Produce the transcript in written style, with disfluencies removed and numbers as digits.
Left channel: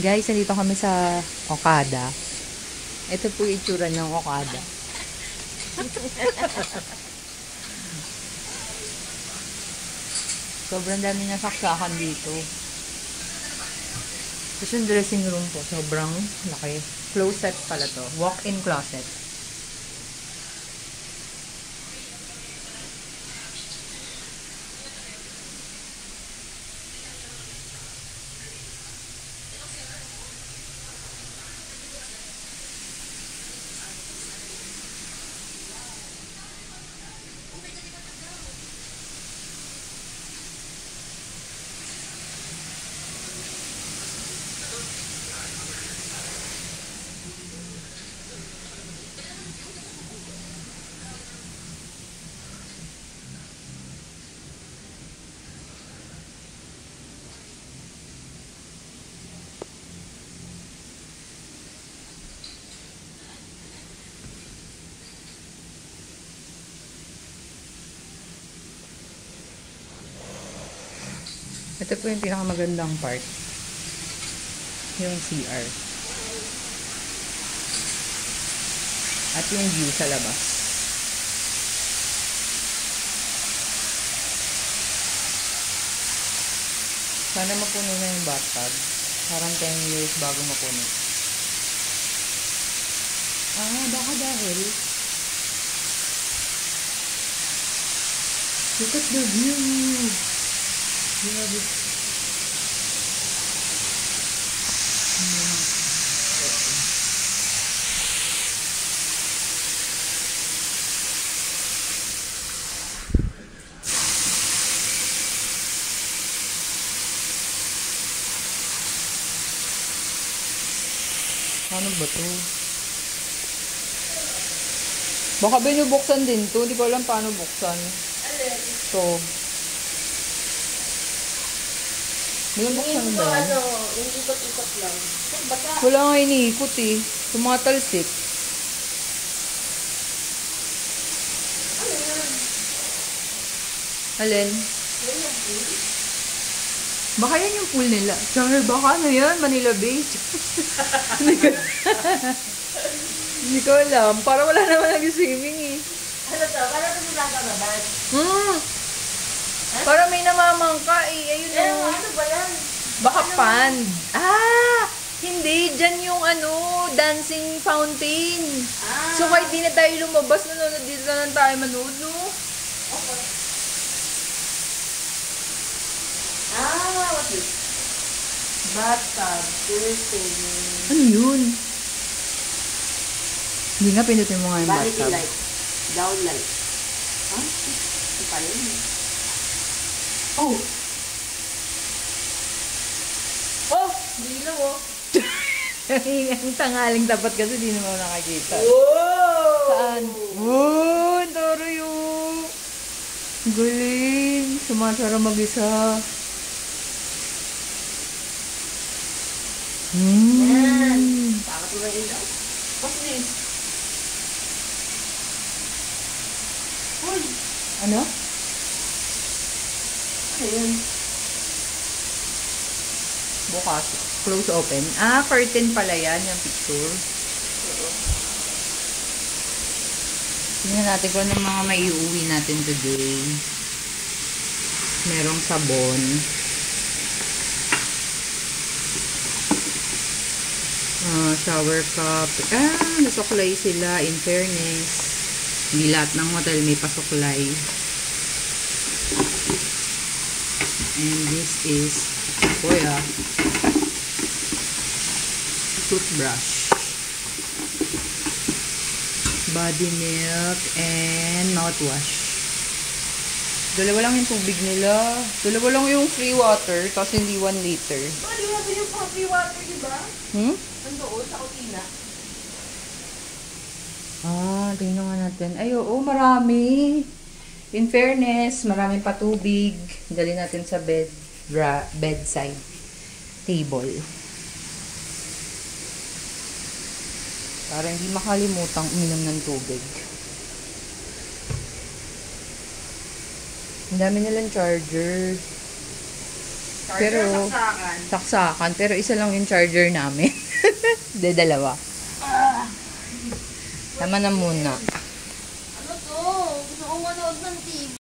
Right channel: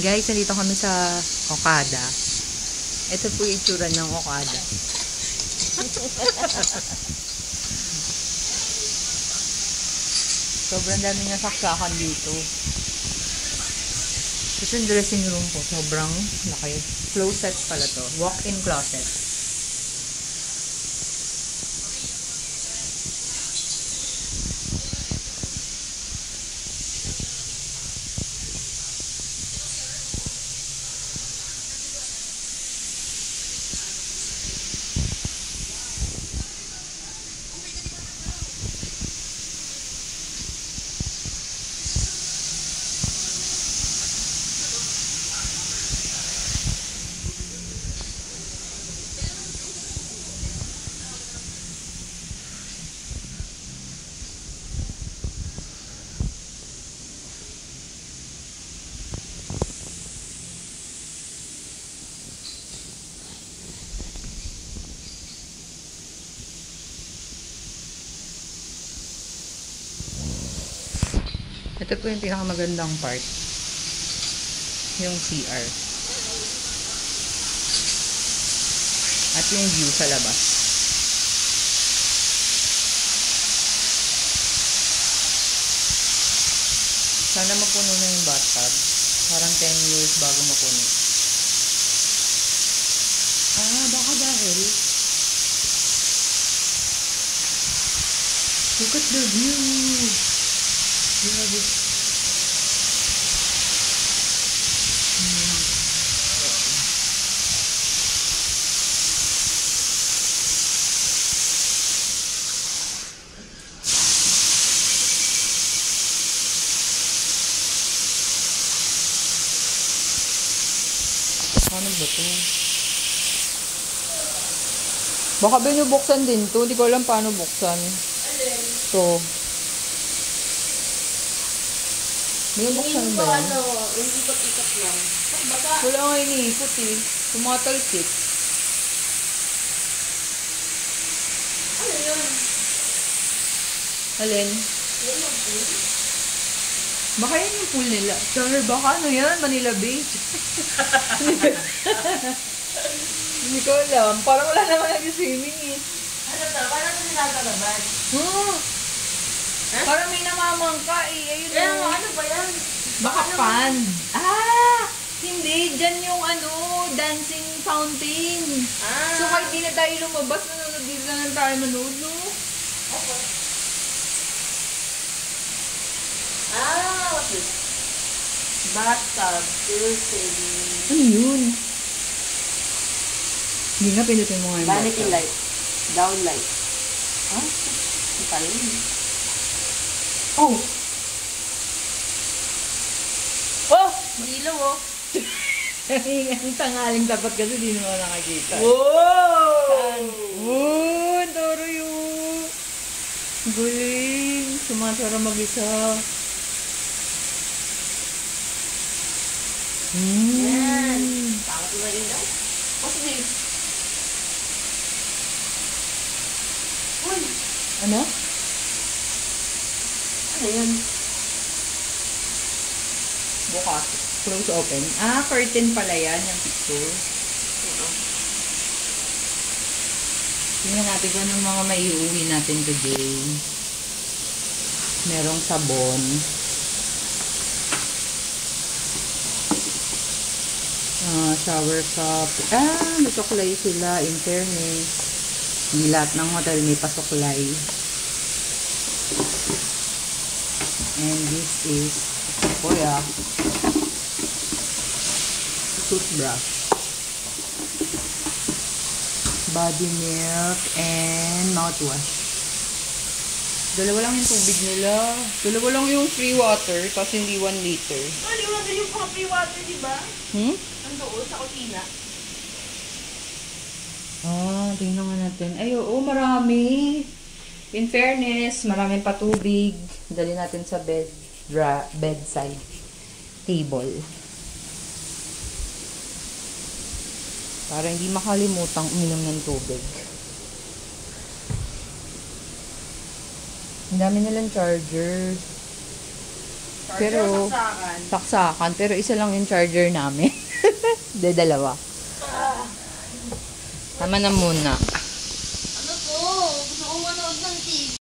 Guys, nandito kami sa Okada. Ito po yung itsura ng Okada. Sobrang dami niya saksakan dito. Tapos yung dressing room po, sobrang laki. Closet pala to. Walk-in closet. Ito po yung pinakamagandang part. Yung CR. At yung view sa labas. Sana mapuno na yung bathtub. Parang 10 years bago mapuno. Baka dahil. Look at the view. Grabe. Paano ba to? Baka binubuksan din to. Hindi ko alam paano buksan. So, binubuksan ba yan? Yung ikot-ikot lang. Wala nga iniikot eh. Tumatalsik. Ano yun? Alin? Yan yung pool? Baka yan yung pool nila. Sorry, baka ano yan? Manila Bay. Hindi ko alam. Parang wala naman nag-swimming eh. Ano to? Parang sinasanaban. Parang may namamangka eh. Ayun Kaya o. ano ba yan? Baka pond. Hindi. Diyan yung dancing fountain. So kahit di na tayo lumabas, nanonood dito na lang tayo manood, no? Okay. What's this? Bathtub, curtain. Ano yun? Hindi nga, pinutin mo nga yung Vanity bathtub. light. Down light. Hindi pala yun. Oh! Dilo oh. Ang tangaling tapat kasi di naman ako nakakita. Wow! Saan? Toro yung galing. Sumasara mag-isa. Yan. Bakit mo na yun daw? What's this? Uy! Ano? Ano yun? Bukas. Close open. Curtain pala yan, yung picture. Tingnan natin kung anong mga may iuwi natin today. Merong sabon. Shower cup. Nasuklay sila, in fairness. Hindi lahat ng hotel may pasuklay. And this is toothbrush, body milk, and mouthwash. Dalawa lang yung tubig nila. Dalawa lang yung free water, tapos hindi 1 liter. Di ba doon yung coffee water, di ba? Andoon sa kusina. Tingnan nga natin. Ay, oo, marami. In fairness, marami pa tubig. Dali natin sa bedside table. Para hindi makalimutang uminom ng tubig. Ang dami nilang charger. Pero, saksakan. Pero isa lang yung charger namin. Hindi, dalawa. Tama na muna. Ano to? Gusto kong manood ng TV.